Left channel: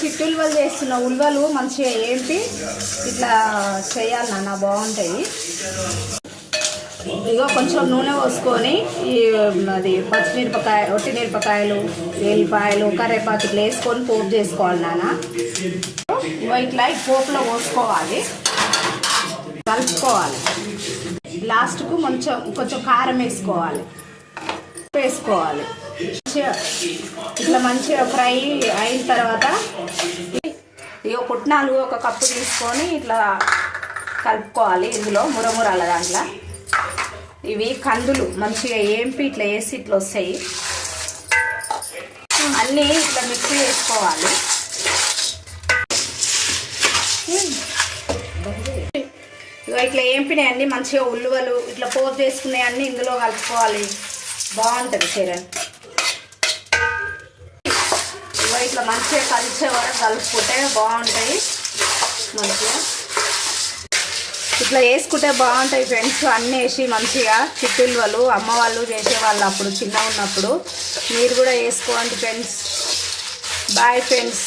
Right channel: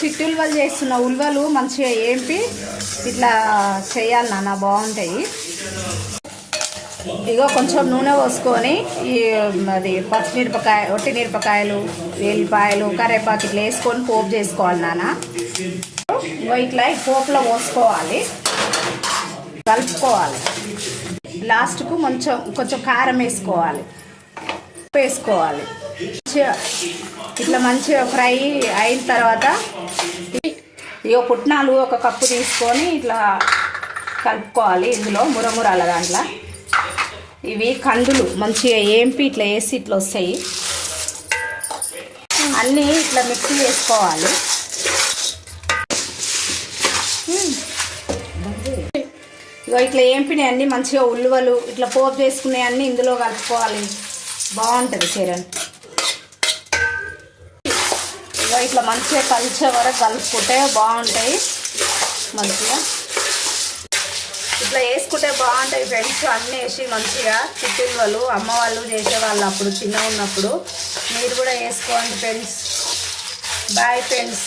చిట్టి ఉల్వలు చేస్తున్న ఉల్వలు మంచిగా ఏంపి ఇట్లా చేయాలి నాన్న, బాగుంటాయి. ఇగో కొంచెం నూనె పోసుకొని అది పచ్చిమిరపకాయ, ఒట్టి మిరపకాయలు, ఎల్లిపాయలు, కరివేపాకు ఇట్లా వేసుకొని పోపు చేసుకోవాలి నాన్న. ఇగో ఇట్లా ఈ పోపులో పోసుకోవాలి, కలుపుకోవాలి. లాస్ట్కు కొంచెం కారం వేసుకోవాలి, ఇట్లా మంచిగా ఫ్రై అయిన తర్వాత ఇక పుట్నాలు ఒక కప్పు తీసుకొని ఇట్లా కలుపుకోవాలి. ఇందులో మురమురాల దాంట్లో ఇవి కందులు మంచిగా ఏంపి ఇట్లా వేసి ఇట్లా వస్తాయి. అన్నీ ఇట్లా మిక్సీ వేసుకోవాలి. ఇక ఇట్లా ఏంపినాయి అన్నీ మంచిగా ఉల్లివలు ఇట్లా పోపు చేసుకునే అన్నీ ఇందులో కలుపుకోవాలి. బాగుంటుంది చరణ్. ఇట్లా మంచిగా కలిసే వరకు కలుపుకుంటే బాగుంటాయి. మంచిగా ఇట్లా వేసుకుంటే బాగుంటాయి ఫ్రెండ్స్. అన్నీ వేసి మంచిగా చిట్టులు అమ్మ వాళ్ళు చేసేవాళ్ళు అప్పుడు చిన్నగా ఉన్నప్పుడు. మీరు కూడా వేసుకోండి ఫ్రెండ్స్. Bye friends.